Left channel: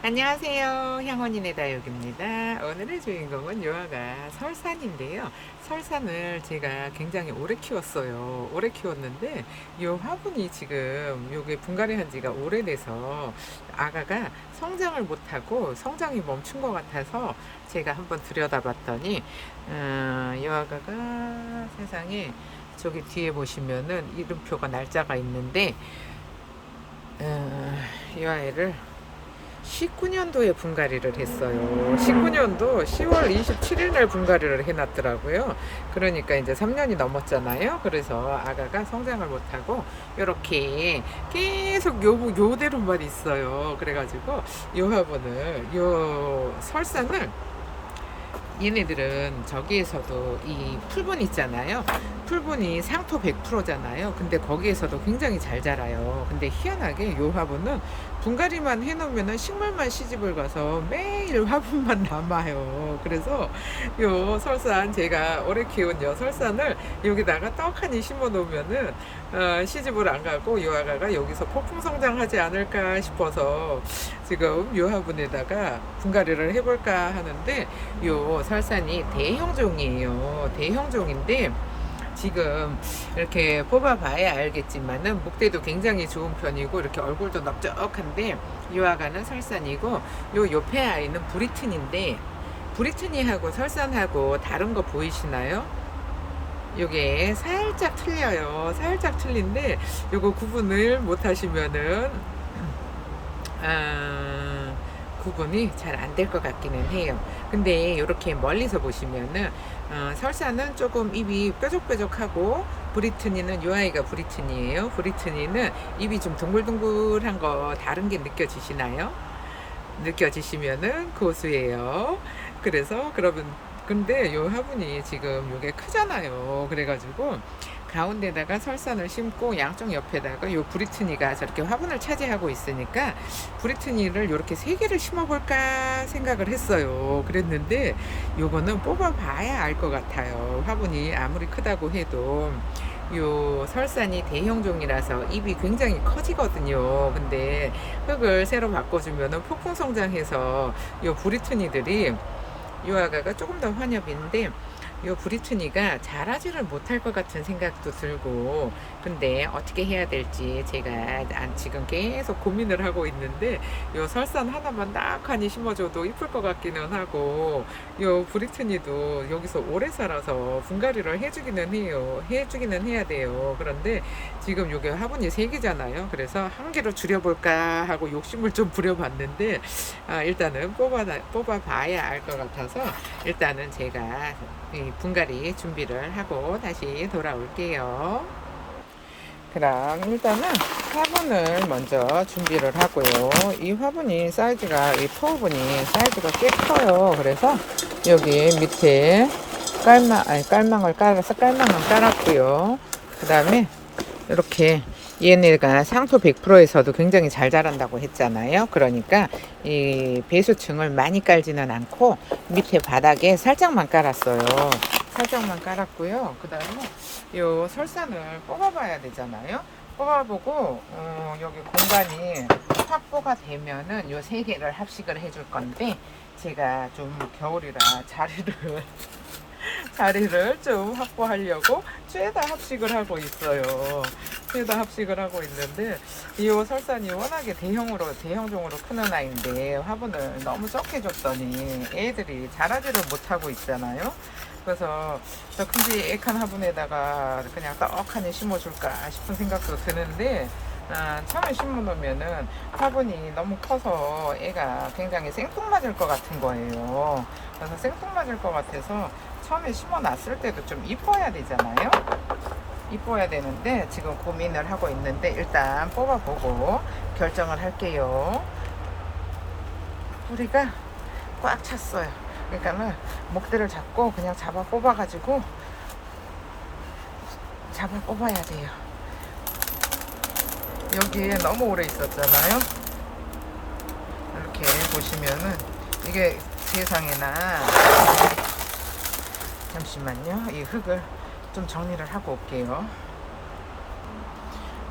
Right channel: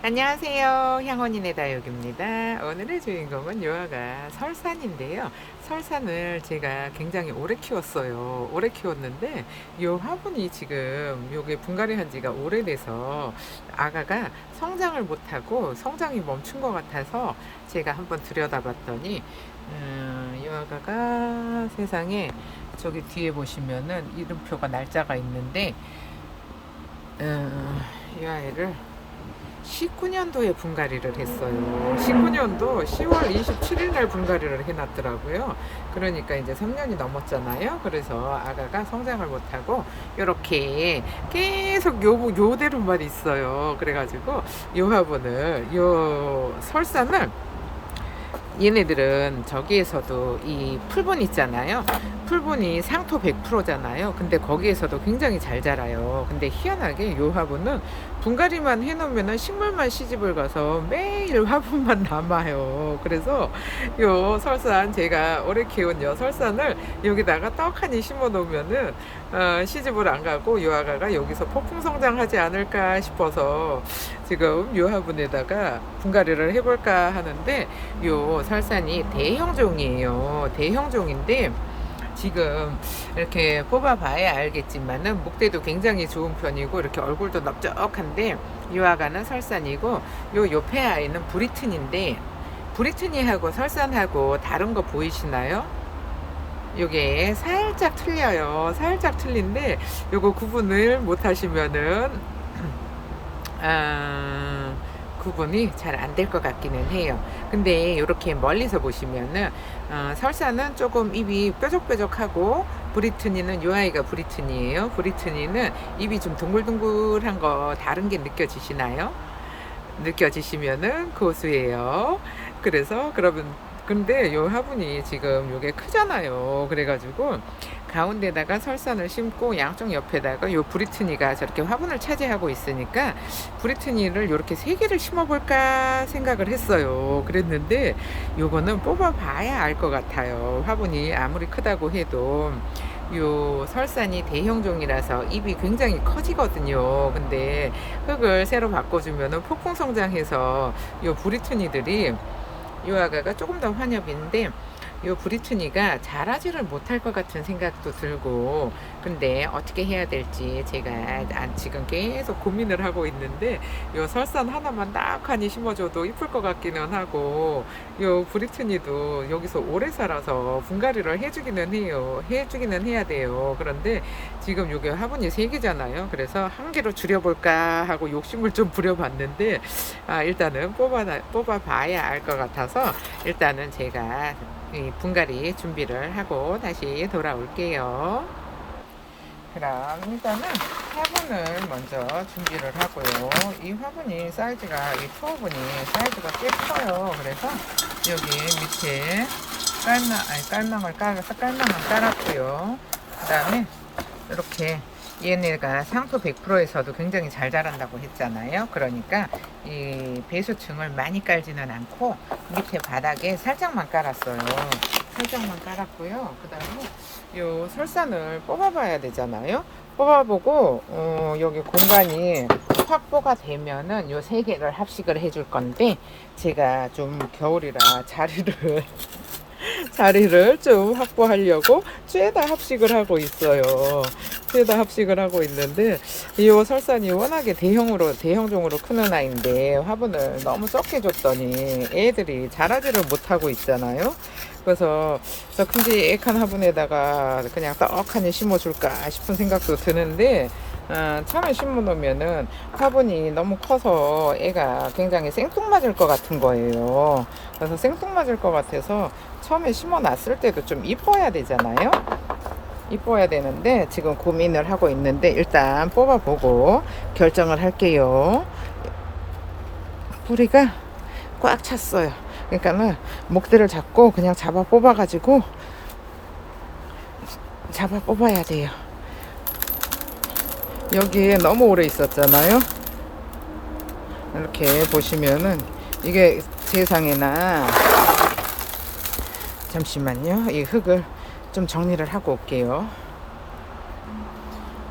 안녕하세요. 향원인의 다육입니다. 오늘의 주인공은 요아가 설산인데요. 설산을 제가 굉장히 오래 키웠어요. 오래 키웠는데 요 화분이 지금 요게 분갈이 한 지가 오래돼서 아가가 성장을 못하고 성장이 멈춘 것 같아서 제가 한번 들여다봤더니 요 아가가 세상에 저기 뒤에 보시면은 이름표가 날짜가 있는데 이 아이를 19년도에 분갈이를 했어요. 19년도 10월 27일 날 분갈이를 해놨더라고요. 그러니까 이제 3년이 넘었잖아요. 그래서 아가가 성장을 못하고 이렇게 계속 요대로만 있어요. 그래가지고 요 화분을 요 설산을 얘네들은 저기에서도 이 풀분 있잖아요. 풀분이 상토 100%잖아요. 근데 거기에서도 굉장히 잘 자라요. 근데 희한하게 요 화분은 분갈이만 해놓으면 식물만 시집을 가서 매일 화분만 남아요. 그래서 요 설산 제가 오래 키운 요 설산을 여기다가 떡하니 심어 놓으면은 시집을 안 가고 요 아가가 여기서 폭풍 성장하지 않을까 싶어서 지금 요 화분에다가 분갈이를 해볼까 하는데 요 설산이 대형종이에요. 대형종인데 지금 이렇게 뽑아봐야 알겠지만은 목대도 굉장히 좋은 편이고 이렇게 얼굴도 넓적한데 이 아가는 설산이고 요 옆에 아이는 브리튼인데 브리튼이하고 설산하고 다른 거 보이시나요? 요게 살짝 틀려요. 살짝 틀린데 요거 구분을 못 하시면은 아, 구분이 잘 안 될 것 같기는 해요. 근데 이렇게 멀리서 보시면은 설사는 조금 입이 뾰족뾰족하고 브리트니는 요 아이가 브리트니예요. 브리트니는 입이 좀 동글동글한 거 다른 게 느껴지시나요? 느껴지시면은 고수예요. 그래서 그러면 근데 요 화분이 지금 요게 크잖아요. 그래가지고 가운데다가 설산을 심고 양쪽 옆에다가 요 브리트니가 저렇게 화분을 차지하고 있으니까 브리트니를 요렇게 세 개를 심어볼까 생각을 했어요. 그랬는데 요거는 뽑아봐야 알 것 같아요. 화분이 아무리 크다고 해도 요 설산이 대형종이라서 입이 굉장히 커지거든요. 근데 흙을 새로 바꿔주면은 폭풍 성장해서 요 브리트니들이 요 아가가 조금 더 환엽인데 요 브리트니가 자라지를 못할 것 같은 생각도 들고 근데 어떻게 해야 될지 제가 지금 계속 고민을 하고 있는데 요 설산 하나만 딱하니 심어줘도 이쁠 것 같기는 하고 요 브리트니도 여기서 오래 살아서 분갈이를 해주기는 해요. 해주기는 해야 돼요. 그런데 지금 요게 화분이 3개잖아요. 그래서 한 개로 줄여볼까 하고 욕심을 좀 부려봤는데 일단은 뽑아봐야 알 것 같아서 일단은 제가 이 분갈이 준비를 하고 다시 돌아올게요. 그럼 일단은 화분을 먼저 준비를 하고요. 이 화분이 사이즈가 이 포분이 사이즈가 꽤 커요. 그래서 여기 밑에 깔망을 깔아서 깔망을 깔았고요. 그 다음에 이렇게 얘네가 상토 100%에서도 굉장히 잘 자란다고 했잖아요. 그러니까 이 배수층을 많이 깔지는 않고 밑에 바닥에 살짝만 깔았어요. 살짝만 깔았고요. 그 다음에 요 설산을 뽑아봐야 되잖아요. 뽑아보고 여기 공간이 확보가 되면은 요 3개를 합식을 해줄 건데 제가 좀 겨울이라 자리를 좀 확보하려고 죄다 합식을 하고 있어요. 죄다 합식을 하고 있는데 이 설산이 워낙에 대형종으로 크는 아이인데 화분을 너무 적게 줬더니 애들이 자라지를 못하고 있잖아요. 그래서 저 큼직한 화분에다가 그냥 떡하니 심어줄까 싶은 생각도 드는데 처음에 심어 놓으면은 화분이 너무 커서 애가 굉장히 생뚱맞을 것 같은 거예요. 그래서 생뚱맞을 것 같아서 처음에 심어 놨을 때도 좀 이뻐야 되잖아요. 이뻐야 되는데 지금 고민을 하고 있는데 일단 뽑아보고 결정을 할게요. 뿌리가 꽉 찼어요. 그러니까는 목대를 잡고 그냥 잡아 뽑아가지고 잡아 뽑아야 돼요. 여기에 너무 오래 있었잖아요. 이렇게 보시면은 이게 세상에나 잠시만요. 이 흙을 좀 정리를 하고 올게요.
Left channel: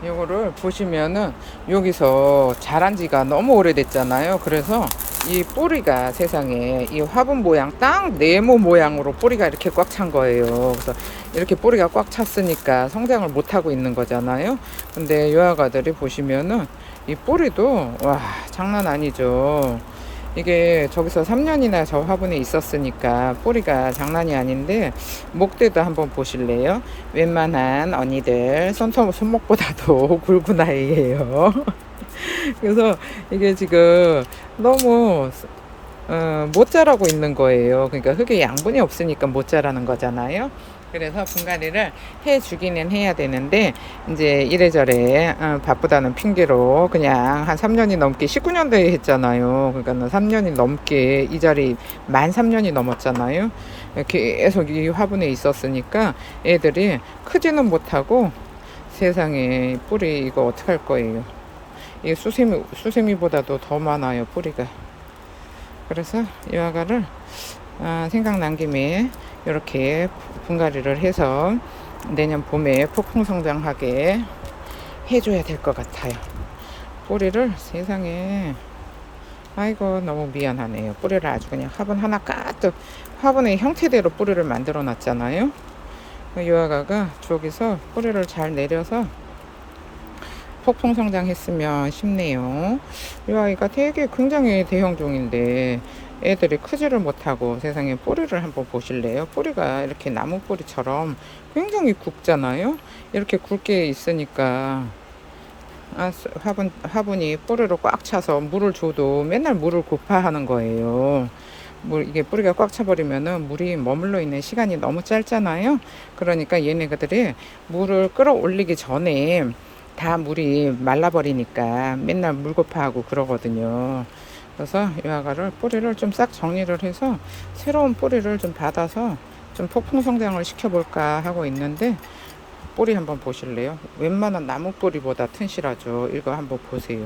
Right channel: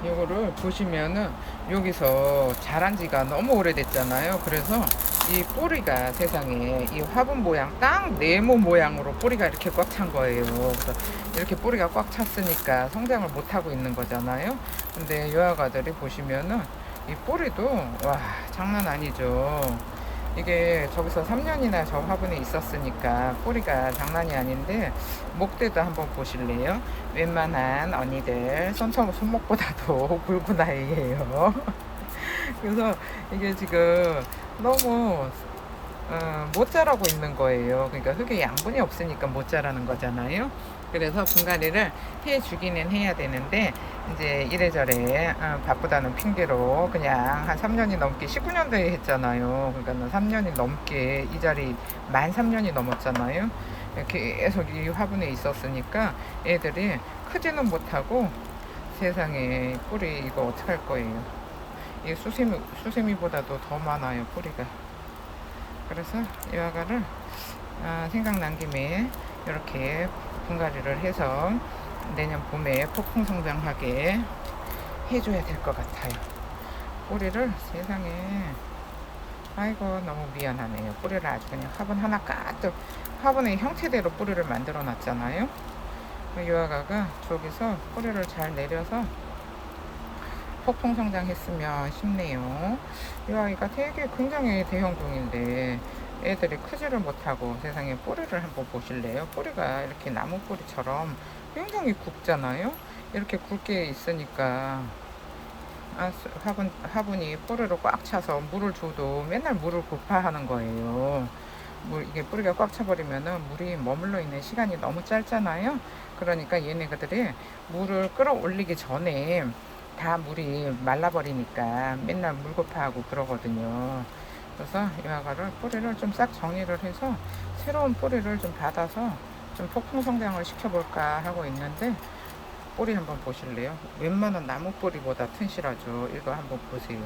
요거를 보시면은 여기서 자란 지가 너무 오래됐잖아요. 그래서 이 뿌리가 세상에 이 화분 모양 딱 네모 모양으로 뿌리가 이렇게 꽉 찬 거예요. 그래서 이렇게 뿌리가 꽉 찼으니까 성장을 못 하고 있는 거잖아요. 근데 요 아가들이 보시면은 이 뿌리도 와 장난 아니죠. 이게 저기서 3년이나 저 화분에 있었으니까 뿌리가 장난이 아닌데, 목대도 한번 보실래요? 웬만한 언니들 손목보다도 굵은 아이예요. 그래서 이게 지금 너무 못 자라고 있는 거예요. 그러니까 흙에 양분이 없으니까 못 자라는 거잖아요. 그래서 분갈이를 해주기는 해야 되는데, 이제 이래저래 바쁘다는 핑계로 그냥 한 3년이 넘게 19년도에 했잖아요. 그러니까 3년이 넘게 이 자리 만 3년이 넘었잖아요. 계속 이 화분에 있었으니까 애들이 크지는 못하고, 세상에 뿌리 이거 어떡할 거예요. 이게 수세미보다도 더 많아요, 뿌리가. 그래서 이 아가를 생각난 김에 이렇게 분갈이를 해서 내년 봄에 폭풍 성장하게 해줘야 될 것 같아요. 뿌리를 세상에, 아이고 너무 미안하네요. 뿌리를 아주 그냥 화분 하나 까뜩 화분의 형태대로 뿌리를 만들어 놨잖아요. 이 아가가 저기서 뿌리를 잘 내려서 폭풍 성장했으면 싶네요. 이 아이가 되게 굉장히 대형종인데 애들이 크지를 못하고, 세상에 뿌리를 한번 보실래요? 뿌리가 이렇게 나무 뿌리처럼 굉장히 굵잖아요. 이렇게 굵게 있으니까 화분이 뿌리로 꽉 차서 물을 줘도 맨날 물을 고파하는 거예요. 이게 뿌리가 꽉 차버리면은 물이 머물러 있는 시간이 너무 짧잖아요. 그러니까 얘네들이 물을 끌어올리기 전에 다 물이 말라버리니까 맨날 물 고파하고 그러거든요. 그래서 이 아가를 뿌리를 좀 싹 정리를 해서 새로운 뿌리를 좀 받아서 좀 폭풍 성장을 시켜볼까 하고 있는데, 뿌리 한번 보실래요? 웬만한 나무 뿌리보다 튼실하죠. 이거 한번 보세요.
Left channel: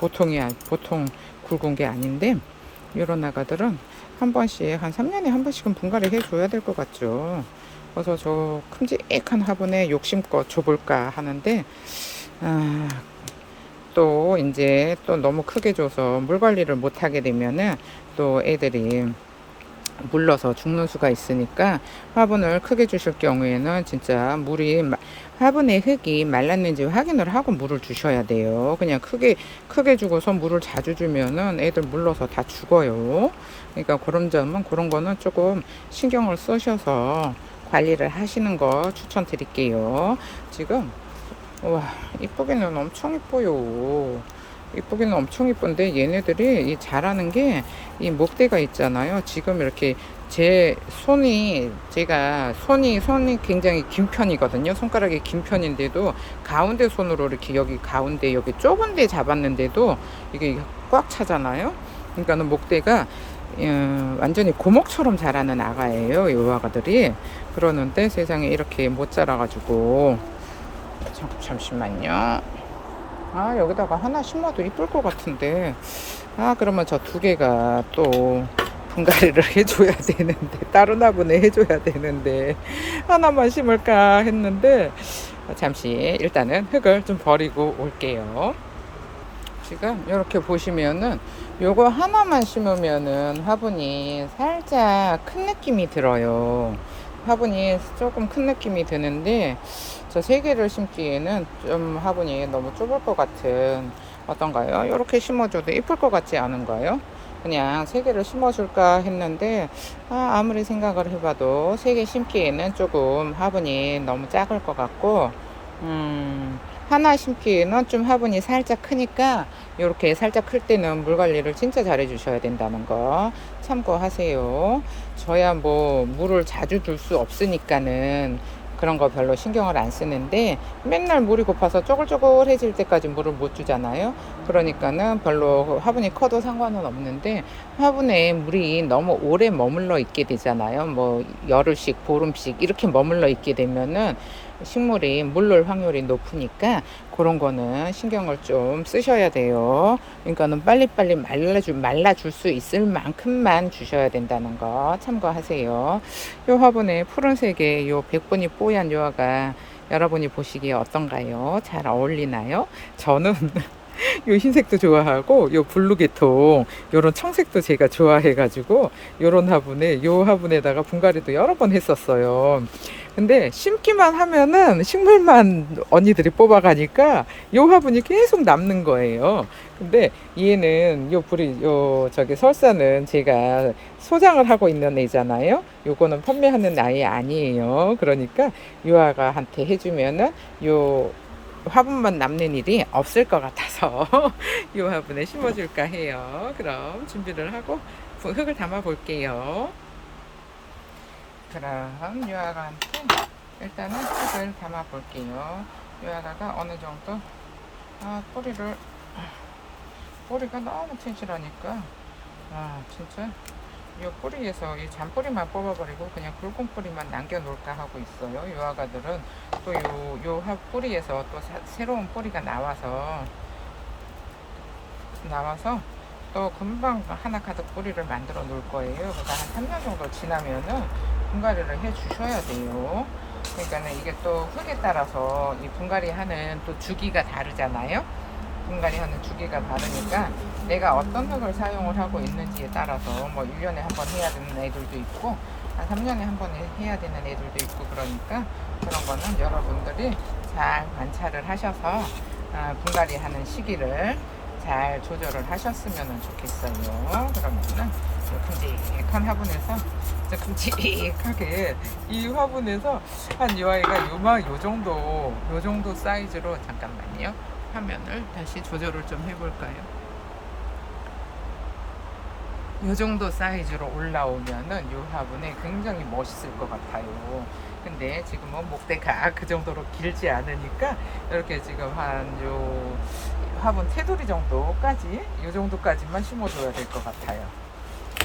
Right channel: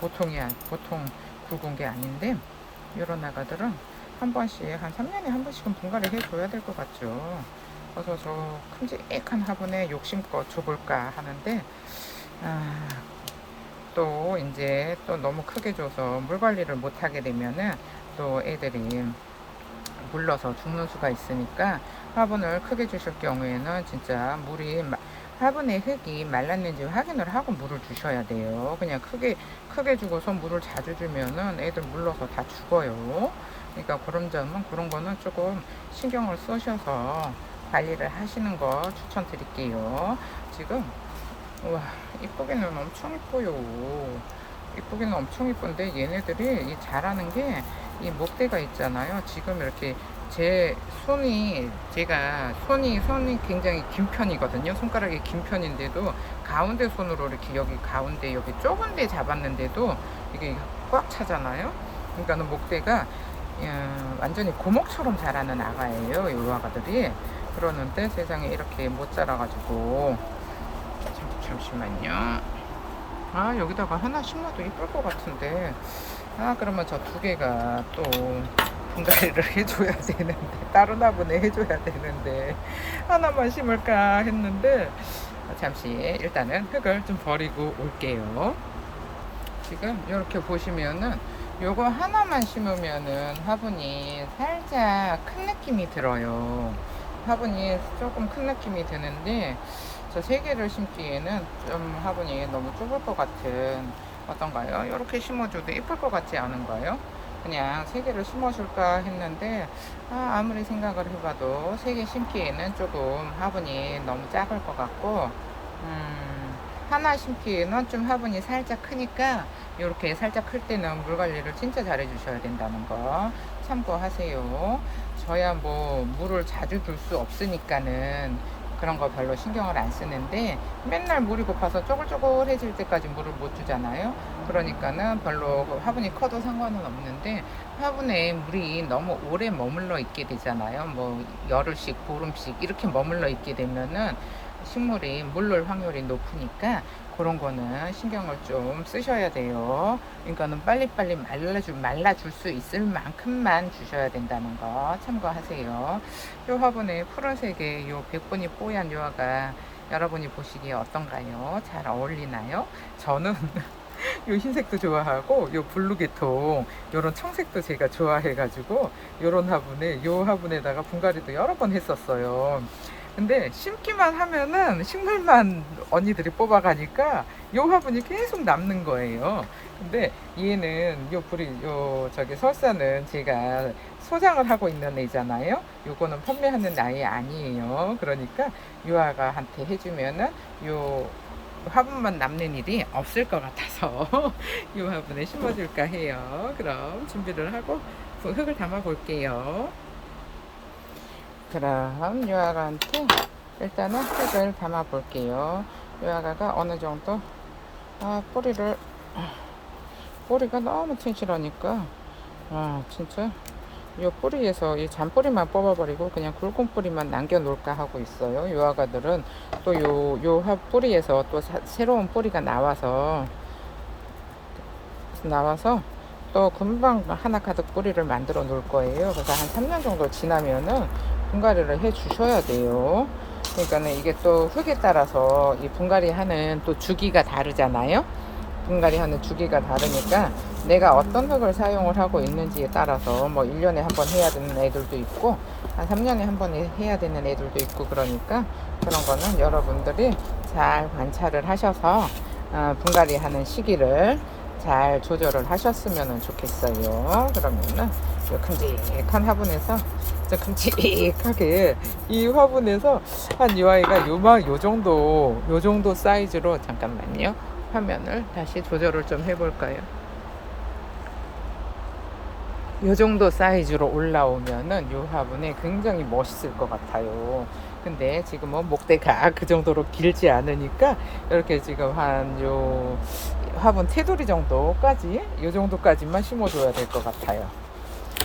보통 굵은 게 아닌데, 이런 아가들은 한 번씩 한 3년에 한 번씩은 분갈이 해줘야 될 것 같죠. 그래서 저 큼직한 화분에 욕심껏 줘볼까 하는데, 아, 또 이제 또 너무 크게 줘서 물 관리를 못 하게 되면은 또 애들이 물러서 죽는 수가 있으니까, 화분을 크게 주실 경우에는 진짜 화분의 흙이 말랐는지 확인을 하고 물을 주셔야 돼요. 그냥 크게 주고서 물을 자주 주면은 애들 물러서 다 죽어요. 그러니까 그런 거는 조금 신경을 쓰셔서 관리를 하시는 거 추천드릴게요. 지금 와, 이쁘기는 엄청 이뻐요. 이쁘기는 엄청 이쁜데, 얘네들이 이 자라는 게 이 목대가 있잖아요. 지금 이렇게 제가 손이 굉장히 긴 편이거든요. 손가락이 긴 편인데도 가운데 손으로 이렇게 여기 가운데 여기 좁은 데 잡았는데도 이게 꽉 차잖아요. 그러니까는 목대가 완전히 고목처럼 자라는 아가예요. 이 아가들이. 그러는데 세상에 이렇게 못 자라가지고, 잠시만요. 여기다가 하나 심어도 이쁠 것 같은데, 그러면 저 두 개가 또 분갈이를 해줘야 되는데, 다른 화분에 해줘야 되는데, 하나만 심을까 했는데, 잠시 일단은 흙을 좀 버리고 올게요. 지금 이렇게 보시면은 요거 하나만 심으면은 화분이 살짝 큰 느낌이 들어요. 화분이 조금 큰 느낌이 드는데, 저 세 개를 심기에는 좀 화분이 너무 좁을 것 같은, 어떤가요? 이렇게 심어줘도 이쁠 것 같지 않은가요? 그냥 세 개를 심어줄까 했는데, 아무리 생각을 해봐도 세 개 심기에는 조금 화분이 너무 작을 것 같고, 하나 심기에는 좀 화분이 살짝 크니까, 이렇게 살짝 클 때는 물 관리를 진짜 잘 해주셔야 된다는 거 참고하세요. 저야 뭐 물을 자주 줄 수 없으니까는 그런 거 별로 신경을 안 쓰는데, 맨날 물이 고파서 쪼글쪼글해질 때까지 물을 못 주잖아요. 그러니까는 별로 화분이 커도 상관은 없는데, 화분에 물이 너무 오래 머물러 있게 되잖아요. 뭐 열흘씩 보름씩 이렇게 머물러 있게 되면은 식물이 물릴 확률이 높으니까, 그런 거는 신경을 좀 쓰셔야 돼요. 그러니까는 빨리빨리 말라줄 수 있을 만큼만 주셔야 된다는 거 참고하세요. 요 화분에 푸른색의 요 백분이 뽀얀 요아가 여러분이 보시기에 어떤가요? 잘 어울리나요? 저는 요 흰색도 좋아하고 요 블루 계통 요런 청색도 제가 좋아해가지고 요런 화분에 요 화분에다가 분갈이도 여러 번 했었어요. 근데 심기만 하면은 식물만 언니들이 뽑아가니까 요 화분이 계속 남는 거예요. 근데 얘는 요 불이 요 저기 설사는 제가 소장을 하고 있는 애잖아요. 요거는 판매하는 아이 아니에요. 그러니까 유아가한테 해주면은 요 화분만 남는 일이 없을 것 같아서 이 화분에 심어줄까 해요. 그럼 준비를 하고 흙을 담아 볼게요. 그럼 유아가한테 일단은 흙을 담아 볼게요. 유아가가 어느 정도 뿌리가 너무 튼실하니까 진짜 이 뿌리에서 이 잔뿌리만 뽑아버리고 그냥 굵은 뿌리만 남겨놓을까 하고 있어요. 요 아가들은 또 요 뿌리에서 또 새로운 뿌리가 나와서 또 금방 하나 가득 뿌리를 만들어 놓을 거예요. 그래서 한 3년 정도 지나면은 분갈이를 해 주셔야 돼요. 그러니까는 이게 또 흙에 따라서 이 분갈이 하는 또 주기가 다르잖아요. 분갈이 하는 주기가 다르니까 내가 어떤 흙을 사용을 하고 있는지에 따라서 뭐 1년에 한 번 해야 되는 애들도 있고 한 3년에 한 번 해야 되는 애들도 있고 그러니까 그런 거는 여러분들이 잘 관찰을 하셔서 분갈이 하는 시기를 잘 조절을 하셨으면 좋겠어요. 그러면은 요 큼직한 화분에서 큼직하게 이 화분에서 한 이 아이가 요 정도 사이즈로 잠깐만요. 화면을 다시 조절을 좀 해볼까요? 이 정도 사이즈로 올라오면은 이 화분에 굉장히 멋있을 것 같아요. 근데 지금은 목대가 그 정도로 길지 않으니까 이렇게 지금 한 요 화분 테두리 정도까지 이 정도까지만 심어줘야 될 것 같아요.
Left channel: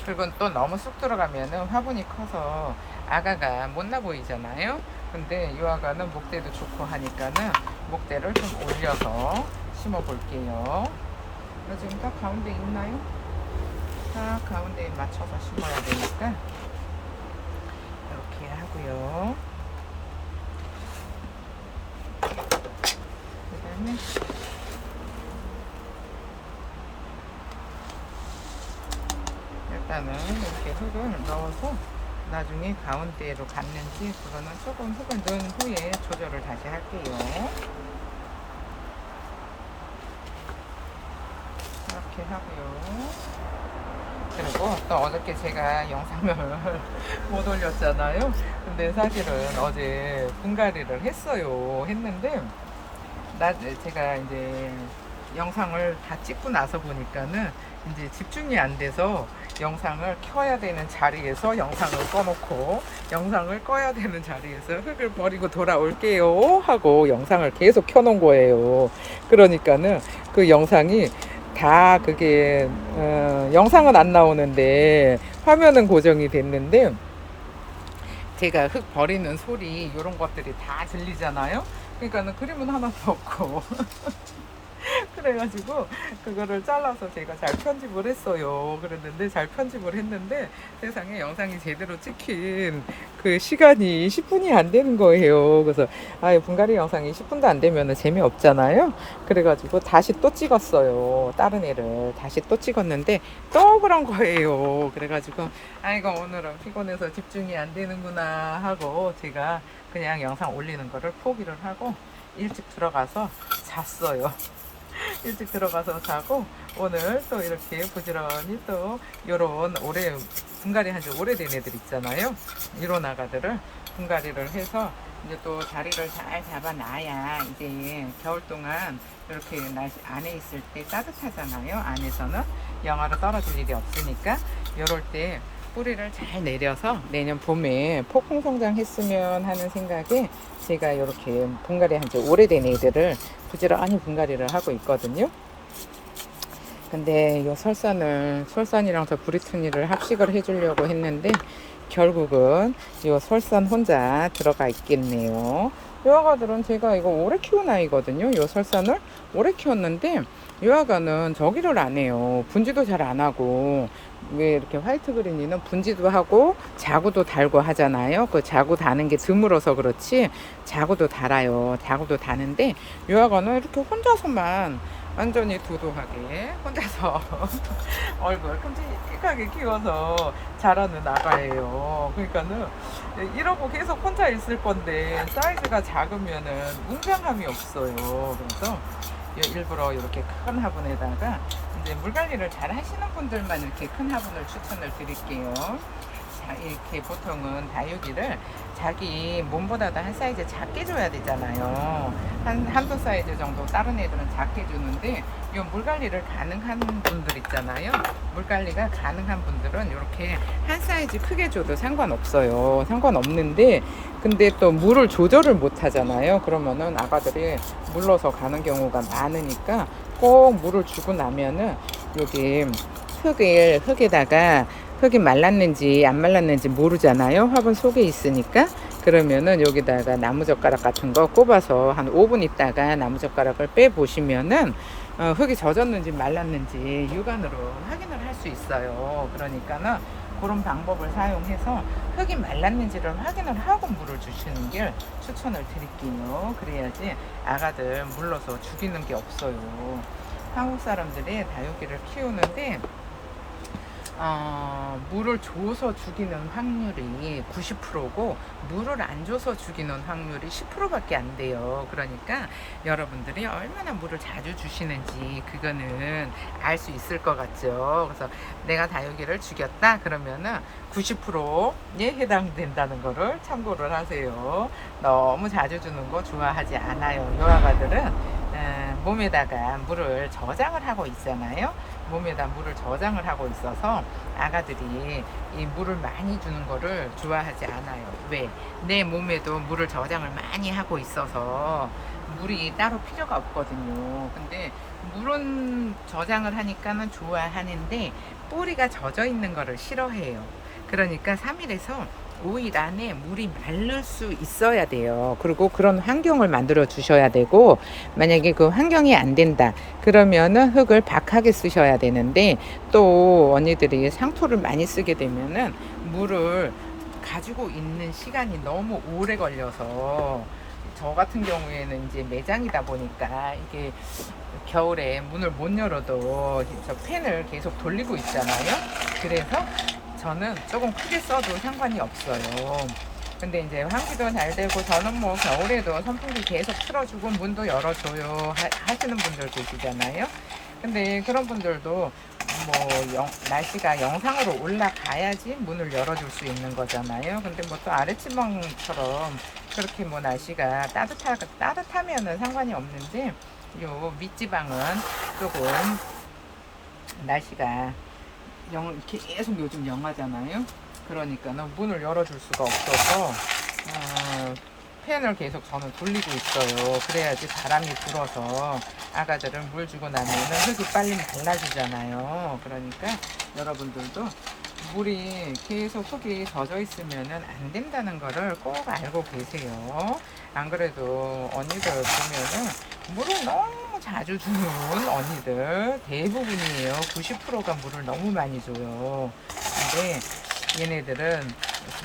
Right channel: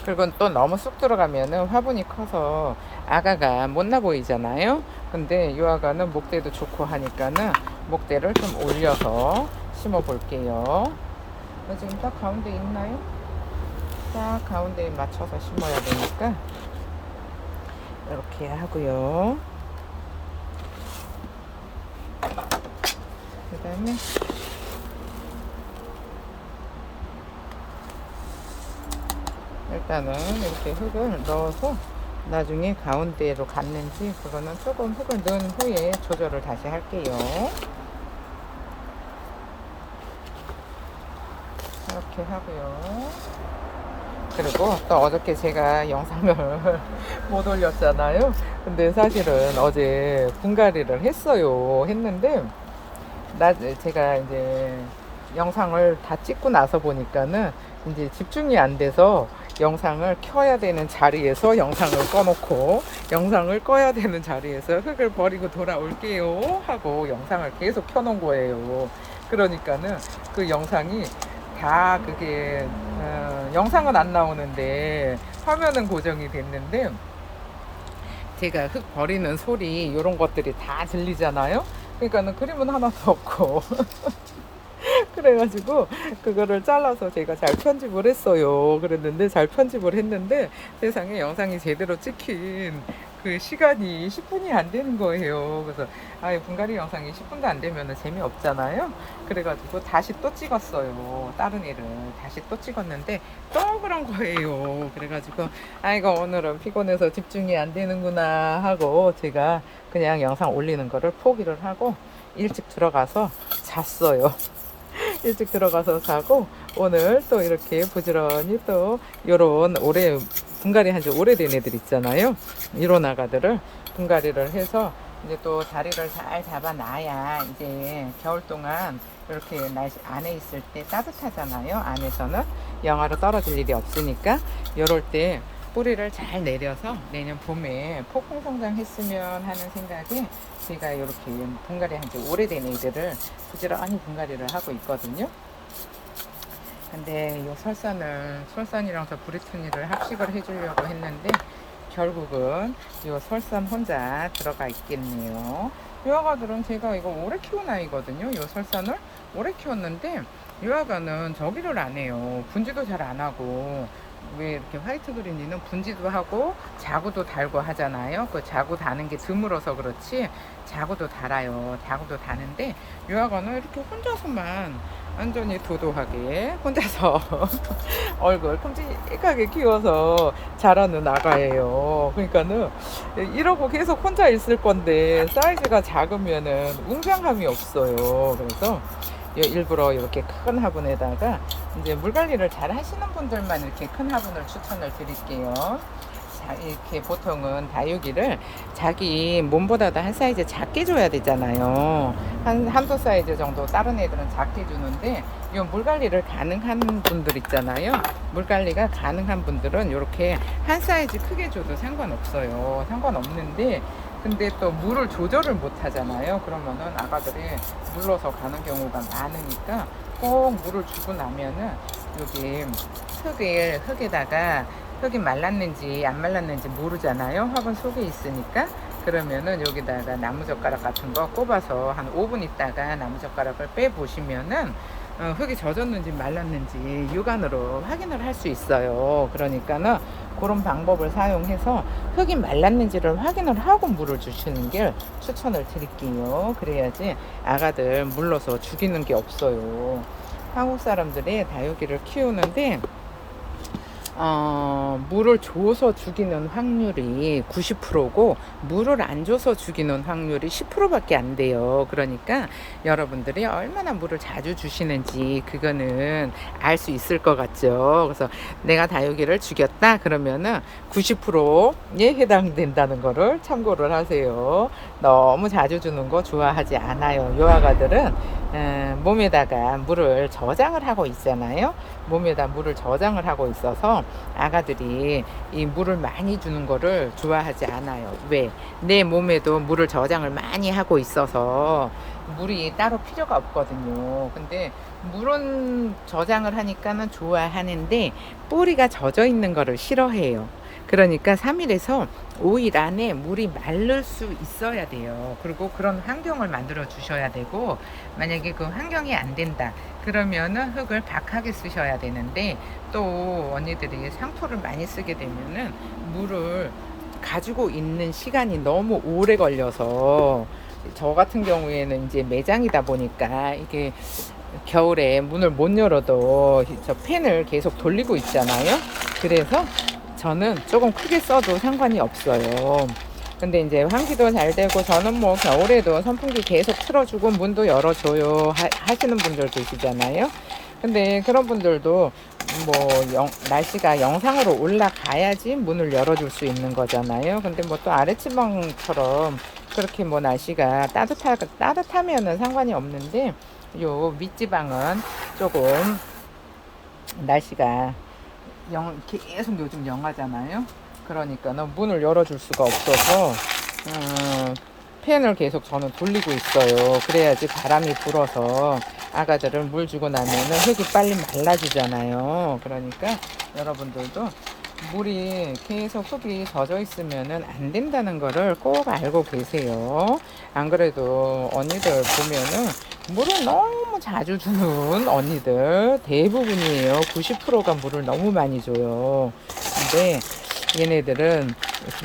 그리고 또 너무 쑥 들어가면은 화분이 커서 아가가 못나 보이잖아요. 근데 이 아가는 목대도 좋고 하니까는 목대를 좀 올려서 심어 볼게요. 지금 딱 가운데 있나요? 딱 가운데에 맞춰서 심어야 되니까 이렇게 하고요. 그 다음에 일단은 이렇게 흙을 넣어서 나중에 가운데로 갔는지 그거는 조금 흙을 넣은 후에 조절을 다시 할게요. 이렇게 하고요. 그리고 또 어저께 제가 영상을 못 올렸잖아요. 근데 사실은 어제 분갈이를 했는데 제가 이제 영상을 다 찍고 나서 보니까는 이제 집중이 안 돼서 영상을 켜야 되는 자리에서 영상을 꺼놓고 영상을 꺼야 되는 자리에서 흙을 버리고 돌아올게요 하고 영상을 계속 켜놓은 거예요. 그러니까는 그 영상이 다 그게 영상은 안 나오는데 화면은 고정이 됐는데 제가 흙 버리는 소리 이런 것들이 다 들리잖아요. 그러니까는 그림은 하나도 없고 그래가지고 그거를 잘라서 제가 잘 편집을 했어요. 그랬는데 잘 편집을 했는데 세상에 영상이 제대로 찍힌 그 시간이 10분이 안 되는 거예요. 그래서 분갈이 영상이 10분도 안 되면 재미없잖아요. 그래가지고 다시 또 찍었어요. 다른 애를 다시 또 찍었는데 또 그런 거예요. 그래가지고 아이고 오늘은 피곤해서 집중이 안 되는구나 하고 제가 그냥 영상 올리는 거를 포기를 하고 일찍 들어가서 잤어요. 일찍 들어가서 자고 오늘 또 이렇게 부지런히 또 요런 분갈이 한 지 오래된 애들 있잖아요. 이런 아가들을 분갈이를 해서 이제 또 자리를 잘 잡아놔야 이제 겨울 동안 이렇게 날씨 안에 있을 때 따뜻하잖아요. 안에서는 영하로 떨어질 일이 없으니까 요럴 때 뿌리를 잘 내려서 내년 봄에 폭풍 성장했으면 하는 생각에 제가 이렇게 분갈이 한 지 오래된 애들을 부지런히 분갈이를 하고 있거든요. 근데 이 설산이랑 저 브리투니를 합식을 해주려고 했는데 결국은 이 설산 혼자 들어가 있겠네요. 이 아가들은 제가 이거 오래 키운 아이거든요. 이 설산을 오래 키웠는데 유아가는 저기를 안 해요. 분지도 잘 안 하고. 왜 이렇게 화이트 그린이는 분지도 하고 자구도 달고 하잖아요. 그 자구 다는 게 드물어서 그렇지 자구도 달아요. 자구도 다는데 유아가는 이렇게 혼자서만 완전히 도도하게 혼자서 얼굴 큼직하게 키워서 자라는 아가예요. 그러니까는 이러고 계속 혼자 있을 건데 사이즈가 작으면은 웅장함이 없어요. 그래서 일부러 이렇게 큰 화분에다가 이제 물 관리를 잘 하시는 분들만 이렇게 큰 화분을 추천을 드릴게요. 자, 이렇게 보통은 다육이를 자기 몸보다도 한 사이즈 작게 줘야 되잖아요. 한두 사이즈 정도 다른 애들은 작게 주는데 이 물 관리를 가능한 분들 있잖아요. 물 관리가 가능한 분들은 이렇게 한 사이즈 크게 줘도 상관없어요. 상관없는데 근데 또 물을 조절을 못 하잖아요. 그러면은 아가들이 물러서 가는 경우가 많으니까 꼭 물을 주고 나면은 여기 흙에다가 흙이 말랐는지 안 말랐는지 모르잖아요. 화분 속에 있으니까. 그러면은 여기다가 나무젓가락 같은 거 꼽아서 한 5분 있다가 나무젓가락을 빼 보시면은 흙이 젖었는지 말랐는지 육안으로 확인을 할 수 있어요. 그러니까는 그런 방법을 사용해서 흙이 말랐는지를 확인을 하고 물을 주시는 게 추천을 드릴게요. 그래야지 아가들 물러서 죽이는 게 없어요. 한국 사람들이 다육이를 키우는데 물을 줘서 죽이는 확률이 90%고 물을 안 줘서 죽이는 확률이 10%밖에 안 돼요. 그러니까 여러분들이 얼마나 물을 자주 주시는지 그거는 알 수 있을 것 같죠. 그래서 내가 다육이를 죽였다 그러면은 90%에 해당된다는 거를 참고를 하세요. 너무 자주 주는 거 좋아하지 않아요. 요아가들은 몸에다가 물을 저장을 하고 있잖아요. 몸에다 물을 저장을 하고 있어서 아가들이 이 물을 많이 주는 거를 좋아하지 않아요. 왜? 내 몸에도 물을 저장을 많이 하고 있어서 물이 따로 필요가 없거든요. 근데 물은 저장을 하니까는 좋아하는데 뿌리가 젖어 있는 거를 싫어해요. 그러니까 3일에서 5일 안에 물이 마를 수 있어야 돼요. 그리고 그런 환경을 만들어 주셔야 되고, 만약에 그 환경이 안 된다. 그러면은 흙을 박하게 쓰셔야 되는데, 또 언니들이 상토를 많이 쓰게 되면은 물을 가지고 있는 시간이 너무 오래 걸려서, 저 같은 경우에는 이제 매장이다 보니까 이게 겨울에 문을 못 열어도 저 팬을 계속 돌리고 있잖아요. 그래서 저는 조금 크게 써도 상관이 없어요. 근데 이제 환기도 잘 되고 저는 뭐 겨울에도 선풍기 계속 틀어주고 문도 열어줘요 하시는 분들 계시잖아요. 근데 그런 분들도 뭐 날씨가 영상으로 올라가야지 문을 열어줄 수 있는 거잖아요. 근데 뭐 또 아랫지방처럼 그렇게 뭐 날씨가 따뜻하면은 상관이 없는데 요 밑지방은 조금 날씨가 계속 요즘 영하잖아요. 그러니까는 문을 열어줄 수가 없어서 팬을 계속 저는 돌리고 있어요. 그래야지 바람이 불어서 아가들을 물 주고 나면은 흙이 빨리 말라지잖아요. 그러니까 여러분들도 물이 계속 흙이 젖어 있으면은 안 된다는 거를 꼭 알고 계세요. 안 그래도 언니들 보면은 물을 너무 자주 주는 언니들 대부분이에요. 90%가 물을 너무 많이 줘요. 근데 얘네들은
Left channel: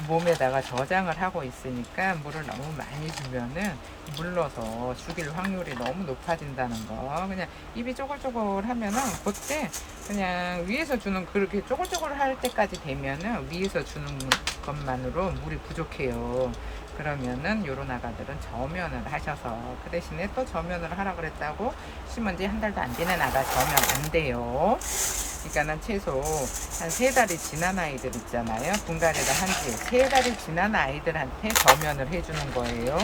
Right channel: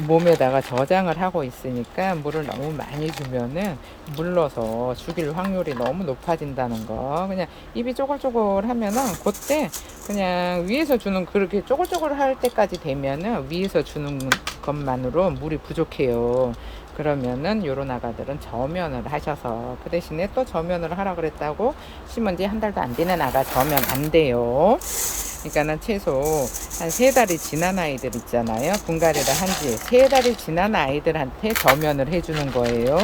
몸에다가 저장을 하고 있으니까 물을 너무 많이 주면은 물러서 죽일 확률이 너무 높아진다는 거. 그냥 입이 쪼글쪼글 하면은 그때 그냥 위에서 주는 그렇게 쪼글쪼글 할 때까지 되면은 위에서 주는 것만으로 물이 부족해요. 그러면은 요런 아가들은 저면을 하셔서 그 대신에 또 저면을 하라 그랬다고 심은 지 한 달도 안 되는 아가 저면 안 돼요. 그러니까는 최소 한 3달이 지난 아이들 있잖아요. 분갈이를 한지 3달이 지난 아이들한테 저면을 해주는 거예요.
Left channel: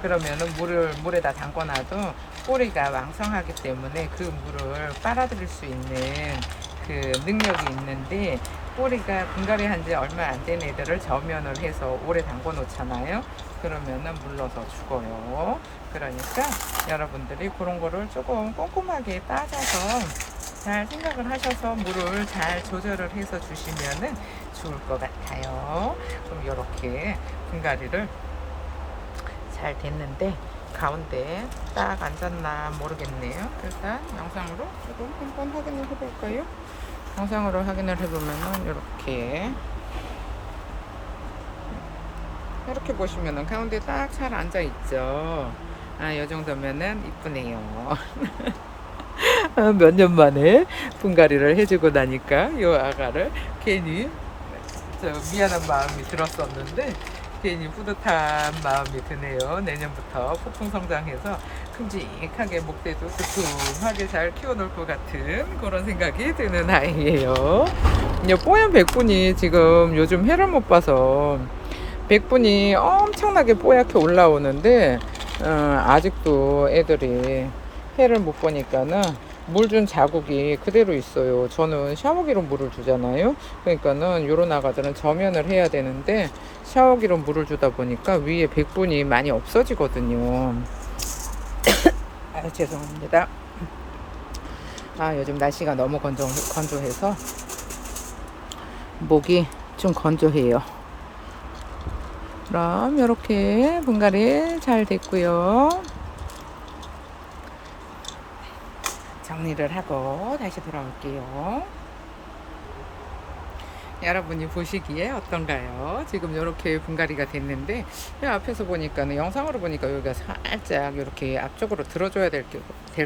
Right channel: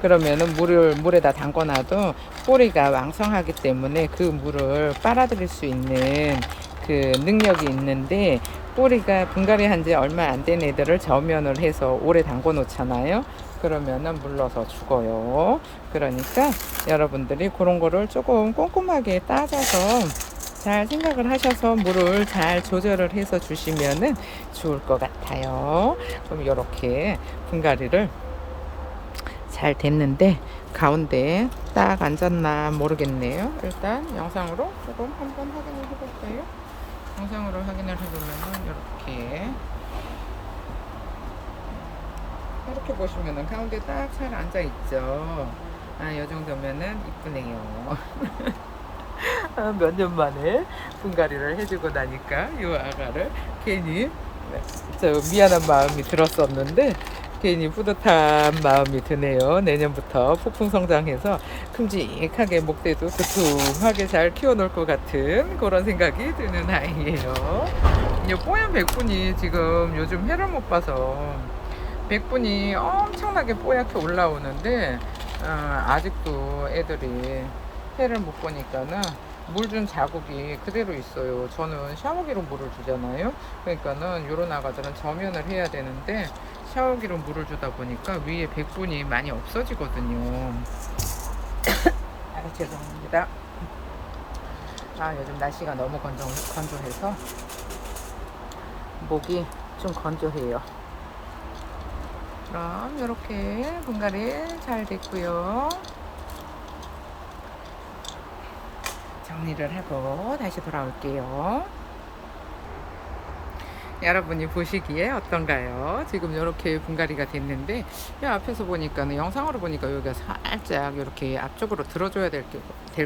그러면은 물에다 담궈놔도 뿌리가 왕성하기 때문에 그 물을 빨아들일 수 있는 그 능력이 있는데 뿌리가 분갈이 한지 얼마 안 된 애들을 저면을 해서 오래 담궈 놓잖아요. 그러면은 물러서 죽어요. 그러니까 여러분들이 그런 거를 조금 꼼꼼하게 따져서 잘 생각을 하셔서 물을 잘 조절을 해서 주시면은 좋을 것 같아요. 그럼 이렇게 분갈이를 잘 됐는데 가운데 딱 앉았나 모르겠네요. 일단 영상으로 조금 한번 확인을 해볼까요? 영상으로 확인을 해보면 이렇게 보시면은 가운데 딱 잘 앉아 있죠. 아, 이 정도면은 이쁘네요. 몇 년 만에 분갈이를 해주고 나니까 이 아가를 괜히 저 미안한 마음이 들었었는데 괜히 뿌듯한 마음이 드네요. 내년부터 폭풍 성장해서 큼직하게 목대도 두툼하게 잘 키워놓을 것 같은 그런 생각이 드는 아이예요. 이 뽀얀 백분이 지금 요즘 해를 못 봐서 백분이 엄청나게 뽀얗게 올라오는데 아직도 애들이 해를 못 보니까는 물 준 자국이 그대로 있어요. 저는 샤워기로 물을 주잖아요. 그러니까는 요런 아가들은 저면을 해야 되는데 샤워기로 물을 주다 보니까 위에 백분이 많이 없어지거든요. 아, 죄송합니다. 아, 요즘 날씨가 너무 건조해서 목이 좀 건조해요. 그럼 이렇게 분갈이 잘 됐고요. 정리를 하고 다시 돌아올게요. 여러분이 보시기에 어떤가요? 지금 이렇게 분갈이가 됐는데 이 앞에서 보니까는 영상으로 보니까 여기가 살짝 이렇게 앞쪽으로 들어줘야 될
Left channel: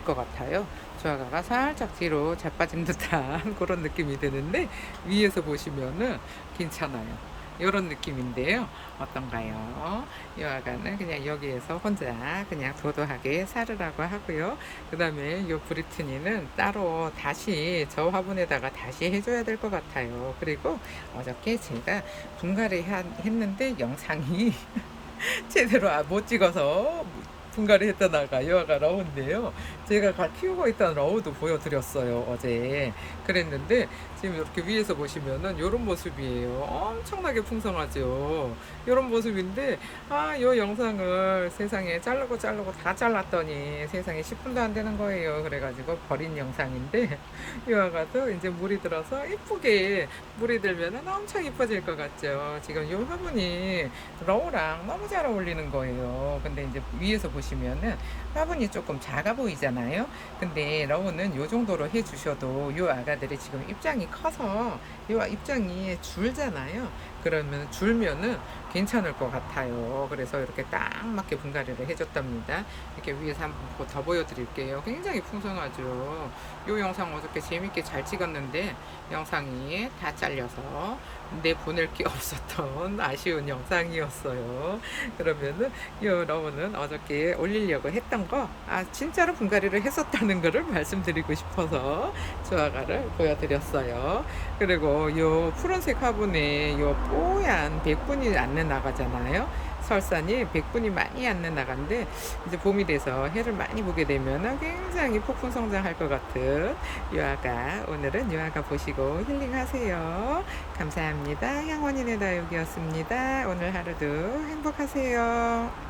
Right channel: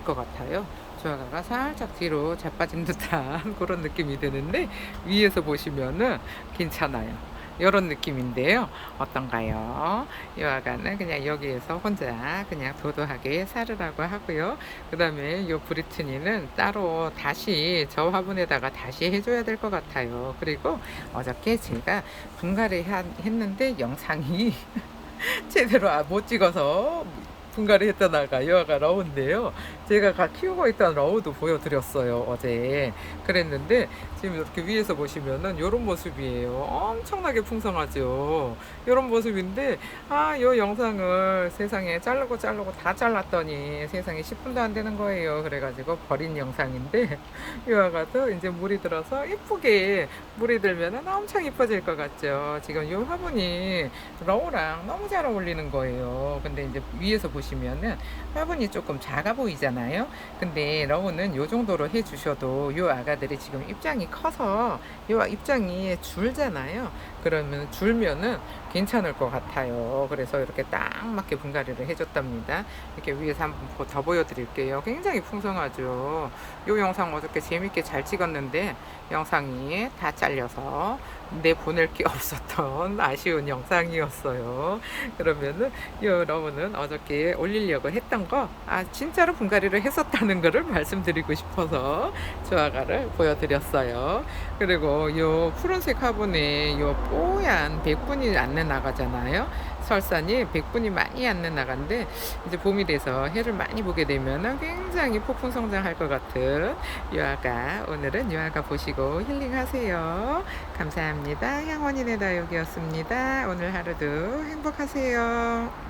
것 같아요. 조화가가 살짝 뒤로 자빠진 듯한 그런 느낌이 드는데 위에서 보시면은 괜찮아요. 이런 느낌인데요. 어떤가요? 이 아가는 그냥 여기에서 혼자 그냥 도도하게 살으라고 하고요. 그 다음에 이 브리트니는 따로 다시 저 화분에다가 다시 해줘야 될 것 같아요. 그리고 어저께 제가 분갈이 했는데 영상이 제대로 못 찍어서 분갈이 했던 아가 이 아가 러우인데요. 제가 키우고 있던 러우도 보여드렸어요 어제. 그랬는데 지금 이렇게 위에서 보시면은 이런 모습이에요. 엄청나게 풍성하죠. 이런 모습인데 이 영상을 세상에 자르고 다 잘랐더니 세상에 10분도 안 되는 거예요. 그래가지고 버린 영상인데 이 아가도 이제 물이 들어서 이쁘게 물이 들면은 엄청 이뻐질 것 같죠. 지금 이 화분이 러우랑 너무 잘 어울리는 거예요. 근데 이제 위에서 보시면은 화분이 조금 작아 보이잖아요. 근데 러우는 요 정도로 해주셔도 요 아가들이 지금 입장이 커서 요 입장이 줄잖아요. 그러면 줄면은 괜찮을 것 같아요. 그래서 이렇게 딱 맞게 분갈이를 해줬답니다. 이렇게 위에서 한번 더 보여드릴게요. 굉장히 풍성하죠. 요 영상 어저께 재밌게 잘 찍었는데 영상이 다 잘려서 내보낼 게 없었던 아쉬운 영상이었어요. 그러면은 요 러브는 어저께 올리려고 했던 거 진짜로 분갈이를 했었다는 거를 말씀드리고 싶어서 조화가를 보여드렸어요. 그리고 요 푸른색 화분에 요 뽀얀 백분이 앉는 나가잖아요. 설산이 백분이 많이 앉는 나간데 이제 봄이 돼서 해를 많이 보게 되면 굉장히 폭풍 성장할 것 같은 유아가, 오늘은 유아가 보시고 힐링하세요. 감사합니다. 향원인의 다육이었습니다. 오늘 하루도 행복하세요.